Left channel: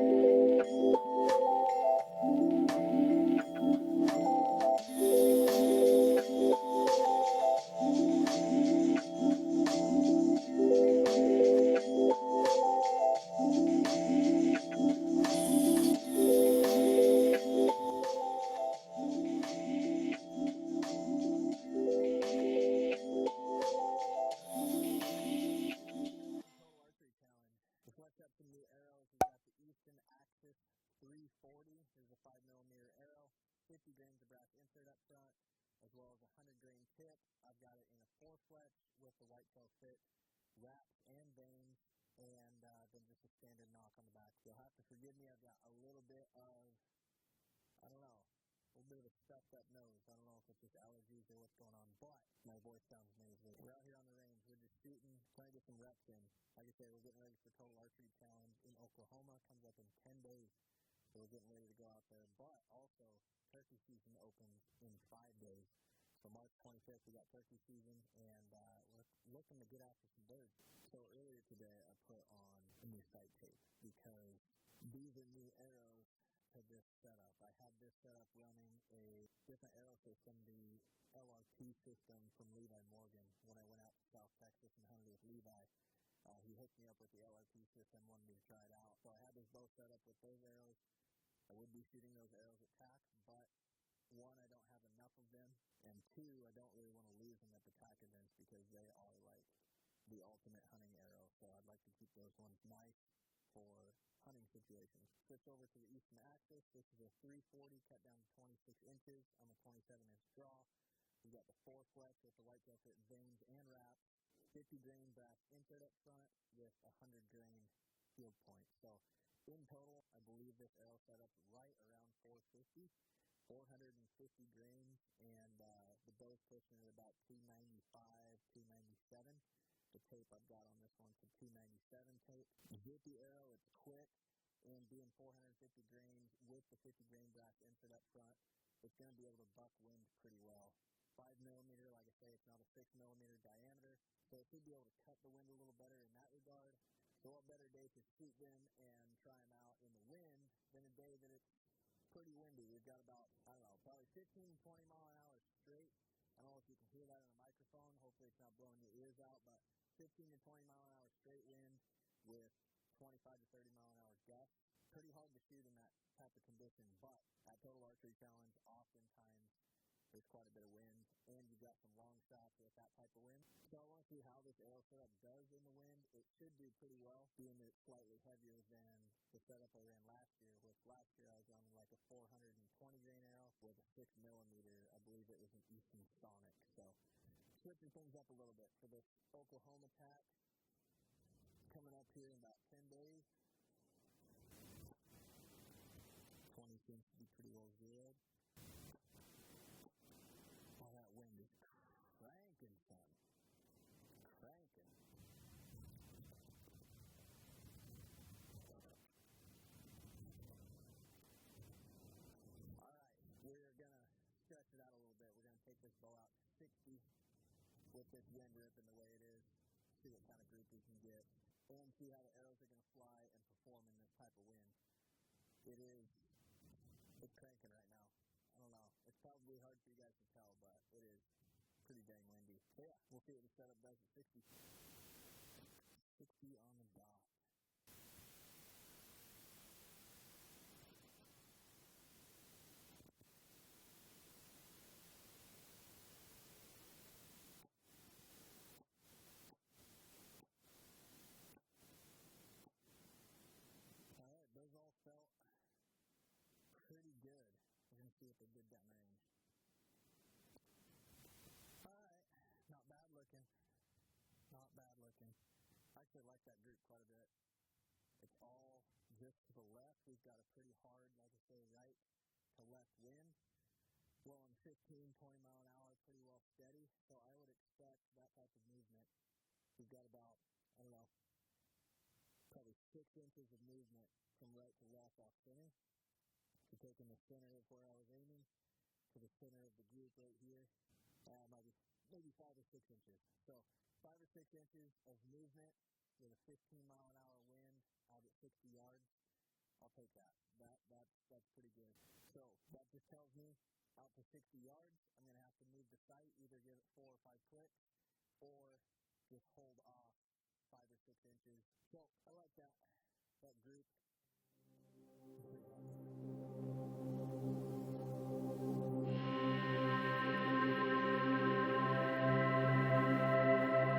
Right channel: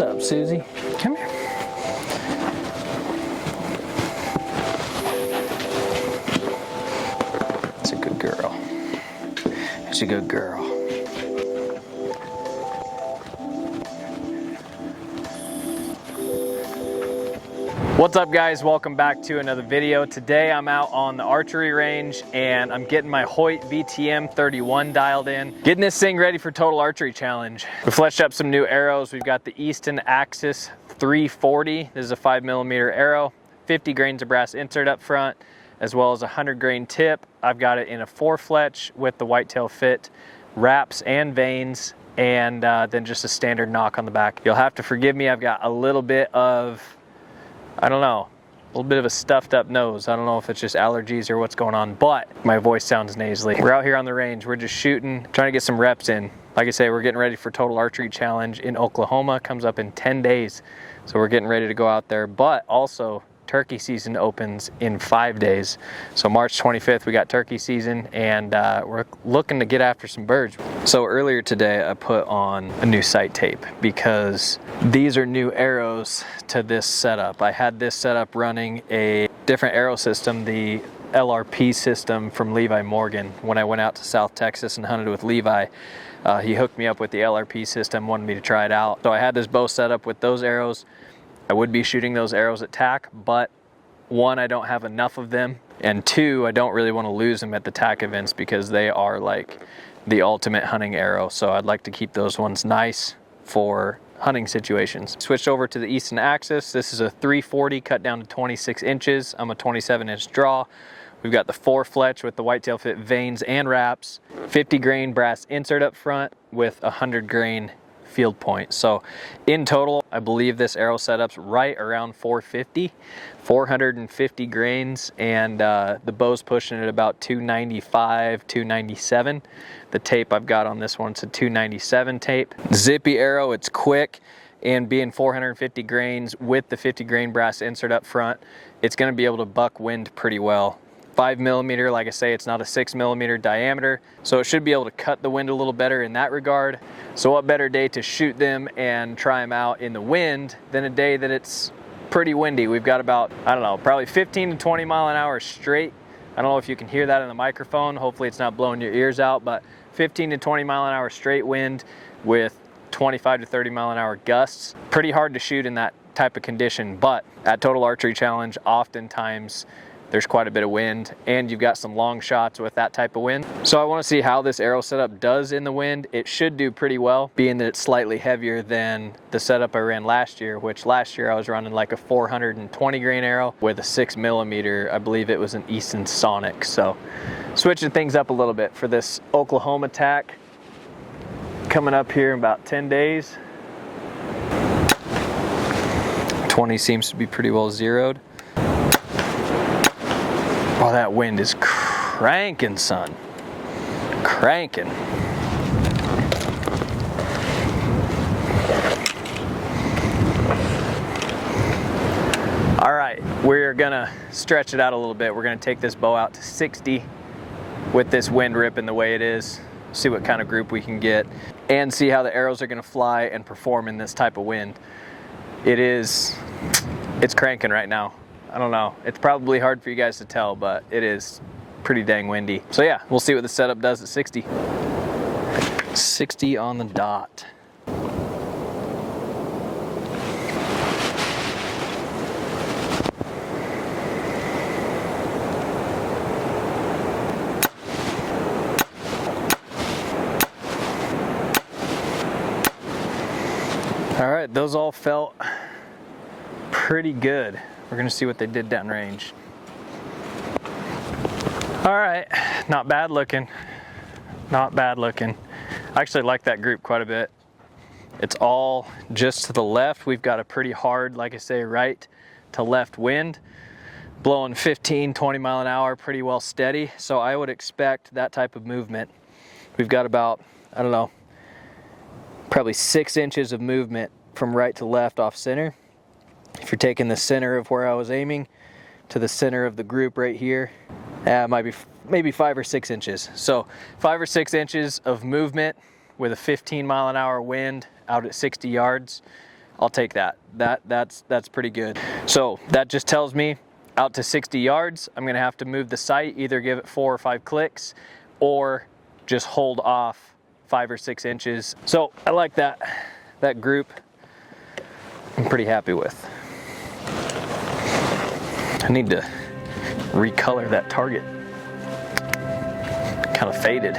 What's up, Susie? Come here. It's a good girl. It's a good girl. What's up, guys? Welcome back to another video. Today I'm out on the archery range and I'm getting my Hoyt VTM 31 dialed in, getting this thing ready for Total Archery Challenge. We fleshed up some new arrows. We've got the Easton Axis 340. This is a 5mm arrow, 50 grains of brass insert up front, as well as a 100 grain tip. I've got it in a 4-fletch with the Whitetail fit wraps and vanes, and then just a standard knock on the back. You'll have to forgive me, I've got a little bit of, I don't know, a little bit of a stuffed up nose. I don't know if it's just allergies or what's going on, but my voice sounds nasally. We're out here on the range. We're just shooting, trying to get some reps in. Like I say, we're getting ready for Total Archery Challenge in Oklahoma. Comes up in 10 days. So we're getting ready to go out there, but also turkey season opens in 5 days. So March 25th, we got turkey season, and we're looking to get after some birds. So earlier today, I put on a new sight tape because these are new arrows to this setup. I had this setup running a different arrow system, the LRP system from Levi Morgan. When I went out to South Texas and hunted with Levi, he hooked me up with the LRP system, wanted me to try it out. So I had this bow set up with those arrows. I would be shooting those arrows at tack, but one, I don't have enough of them, and two, I don't really want to lose them at the tack events because they are like the ultimate hunting arrow. So I'd like to keep those ones nice for hunting situations. Switched over to the Easton Axis. This is a 340 cut down to 26 inches. I'm a 27-inch draw. We've got the 4-fletch with the Whitetail fit vanes and wraps, 50 grain brass insert up front with 100 grain field point. So in total, I believe this arrow setup's right around 450 grains, and the bow's pushing at about 295, 297. The tape I've got on this one's a 297 tape. Zippy arrow, it's quick, and being 450 grains with the 50 grain brass insert up front, it's going to be able to buck wind pretty well. 5mm, like I say, it's not a 6mm diameter, so it should be able to cut the wind a little better in that regard. So what better day to shoot them and try them out in the wind than a day that it's pretty windy. We've got about, I don't know, probably 15 to 20 mile an hour straight. I don't know if you can hear that in the microphone. Hopefully it's not blowing your ears out, but 15 to 20 mile an hour straight wind with 25 to 30 mile an hour gusts. Pretty hard to shoot in that type of condition, but at Total Archery Challenge, oftentimes there's quite a bit of wind, and you've got some long shots with that type of wind. So I want to see how this arrow setup does in the wind. It should do pretty well, being that it's slightly heavier than the setup I ran last year, which last year I was running like a 420 grain arrow with a 6mm. I believe it was an Easton Sonic. So switching things up a little bit for this Oklahoma tack coming up here in about 10 days. 20 seems to be pretty well zeroed. Oh, that wind is cranking, son. Cranking. All right, we're gonna stretch it out a little bit. We're gonna take this bow out to 60 with this wind ripping the way it is, see what kind of group we can get, and see how the arrows are gonna fly and perform in this type of wind. It's cranking right now. I don't know. It's probably hard for you guys to tell, but it is pretty dang windy. So yeah, we'll see what the setup does at 60. 60 on the dot. All right, those all felt pretty good. We're gonna see what they did downrange. All right, not bad looking. Not bad looking. I actually like that group quite a bit. It's all just to the left. We've got a pretty hard, like I say, right to left wind, blowing 15, 20 mile an hour, pretty well steady. So I would expect that type of movement. We've got about, I don't know, probably 6 inches of movement from right to left off center. If you're taking the center of where I was aiming to the center of the group right here, it might be maybe 5 or 6 inches. So 5 or 6 inches of movement with a 15 mile an hour wind out at 60 yards. I'll take that. That's pretty good. So that just tells me out to 60 yards, I'm gonna have to move the sight, either give it 4 or 5 clicks, or just hold off 5 or 6 inches. So I like that group. I'm pretty happy with. I need to recolor that target. Kind of faded.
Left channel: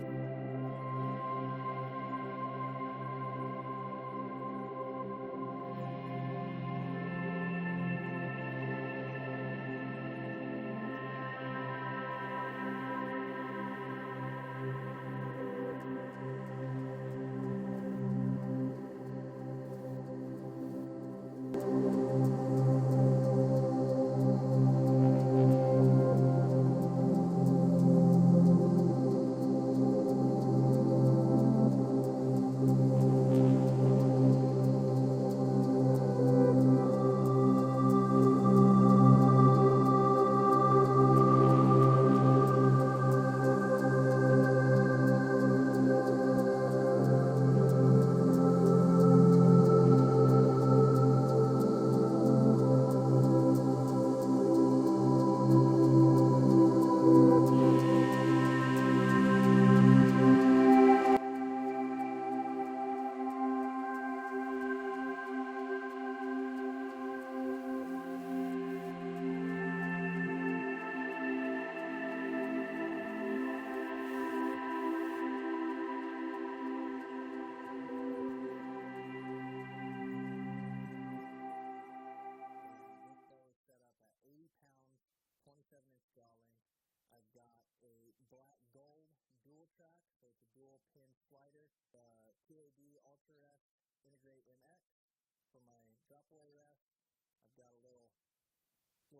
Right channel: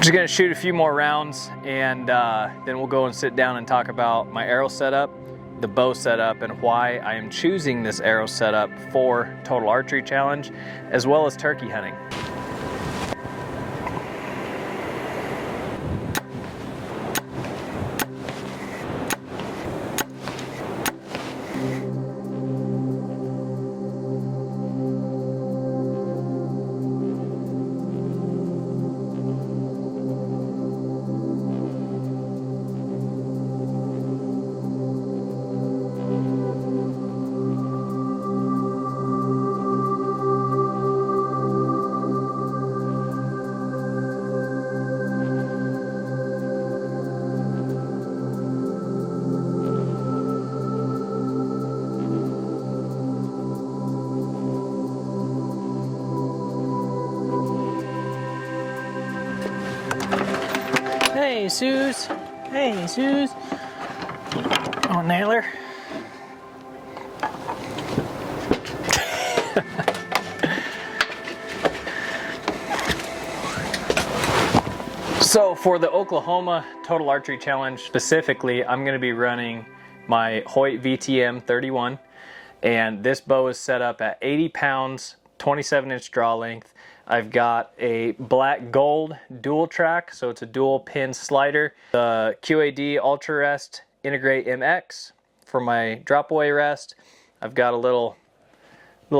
Just gonna shoot a few more rounds, and then we'll go and sit down and talk about my arrow setup, the bow setup, and why I am choosing this arrow setup for Total Archery Challenge, as well as turkey hunting. Suze. Hey, Suze. Oh, nailer. So for the Oklahoma Total Archery Challenge specifically, I'm going to be running my Hoyt VTM 31, and this bow is set up at 80 pounds, 27-inch draw length. I've got a black gold dual track, so it's a dual pin slider. The QAD Ultra Rest Integrate MX for my drop away rest. I've got a little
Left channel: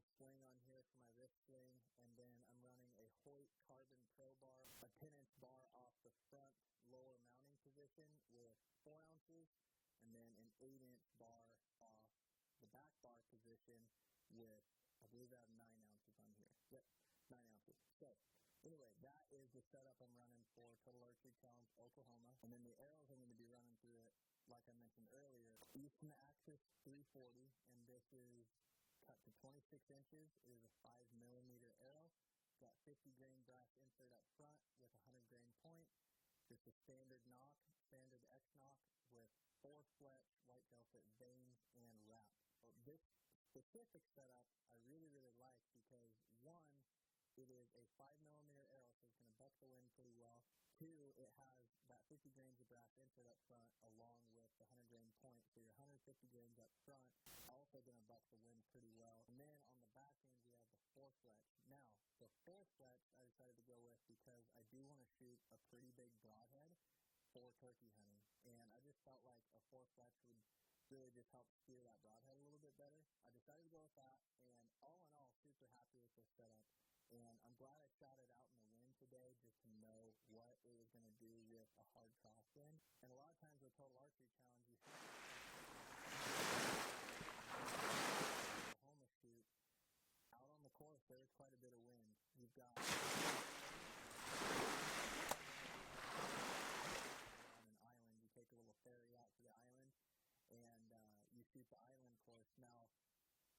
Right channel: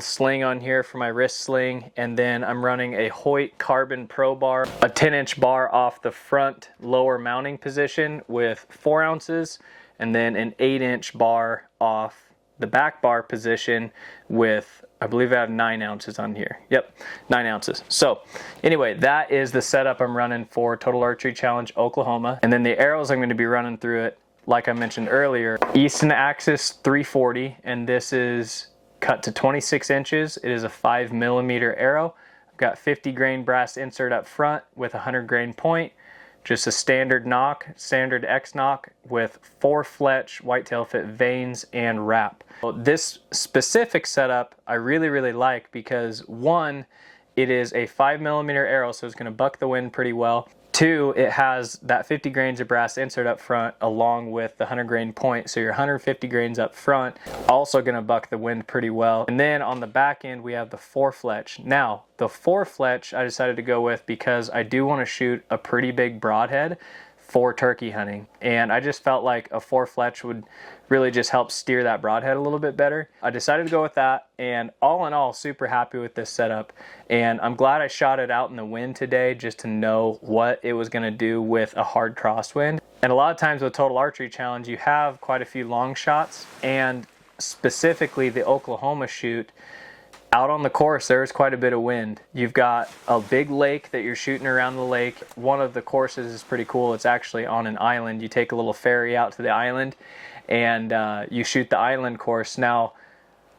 sling on here for my wrist sling, and then I'm running a Hoyt Carbon Pro bar, a 10-inch bar off the front lower mounting position with 4 ounces, and then an 8-inch bar off the back bar position with, I believe I have 9 ounces on here. Yep, 9 ounces. So anyway, that is the setup I'm running for Total Archery Challenge Oklahoma. And then the arrows I'm going to be running through it, like I mentioned earlier, Easton Axis 340, and this is cut to 26 inches. It is a 5mm arrow. I've got 50 grain brass insert up front with a 100 grain point. Just a standard nock, standard X nock with 4 fletch whitetail fit vanes and wrap. This specific setup I really like because 1, it is a 5mm arrow, so it's going to buck the wind pretty well. 2, it has that 50 grains of brass insert up front along with the 100 grain point, so your 150 grains up front also going to buck the wind pretty well. And then on the back end we have the 4 fletch. Now the 4 fletch I decided to go with because I do want to shoot a pretty big broadhead for turkey hunting, and I just felt like a 4 fletch would really just help steer that broadhead a little bit better. I decided to go with that, and all in all, super happy with this setup. And I'm glad I shot it out in the wind today just to know what it was going to do with a hard crosswind. And a lot of times with Total Archery Challenge, you have quite a few long shots, and specifically the Oklahoma shoot, out on the course there is quite a bit of wind. You've got a big lake that you're shooting around the lake. One of the courses is pretty cool. It's actually on an island. You take a little ferry out to the island and you shoot the island course. Now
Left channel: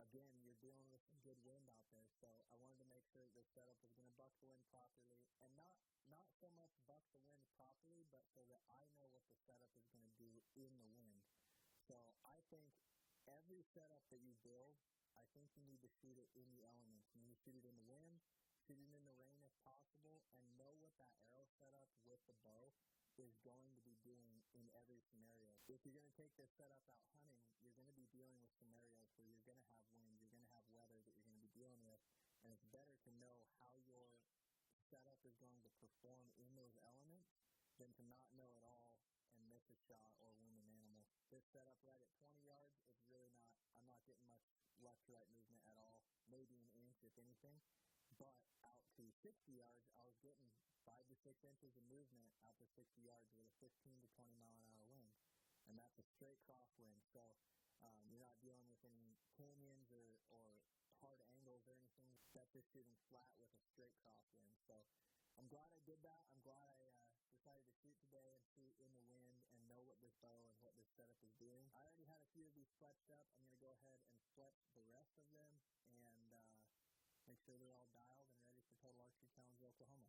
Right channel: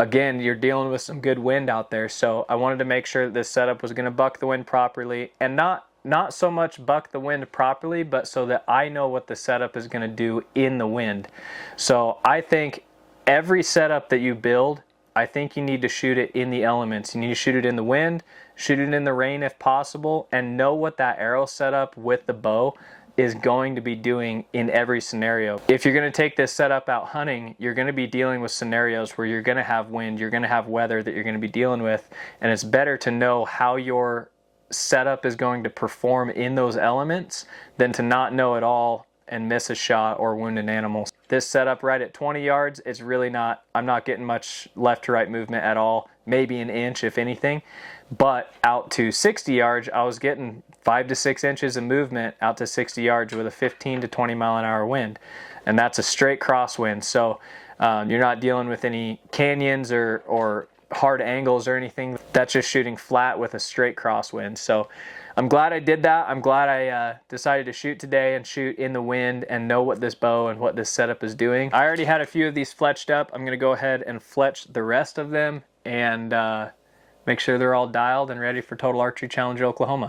again, you're dealing with some good wind out there, so I wanted to make sure that this setup was going to buck the wind properly, and not so much buck the wind properly, but so that I know what the setup is going to do in the wind. So I think every setup that you build, I think you need to shoot it in the elements. You need to shoot it in the wind, shoot it in the rain if possible, and know what that arrow setup with the bow is going to be doing in every scenario. If you're going to take this setup out hunting, you're going to be dealing with scenarios where you're going to have wind, you're going to have weather that you're going to be dealing with, and it's better to know how your setup is going to perform in those elements than to not know at all and miss a shot or wound an animal. This setup right at 20 yards, it's really not, I'm not getting much left to right movement at all, maybe an inch if anything, but out to 60 yards, I was getting 5 to 6 inches of movement out to 60 yards with a 15 to 20 mile an hour wind, and that's a straight crosswind. So you're not dealing with any canyons or hard angles or anything. That's just shooting flat with a straight crosswind. So I'm glad I did that. I'm glad I decided to shoot today and shoot in the wind and know what this bow and what this setup is doing. I already had a few of these fletched up. I'm going to go ahead and fletch the rest of them and make sure they're all dialed and ready for Total Archery Challenge Oklahoma.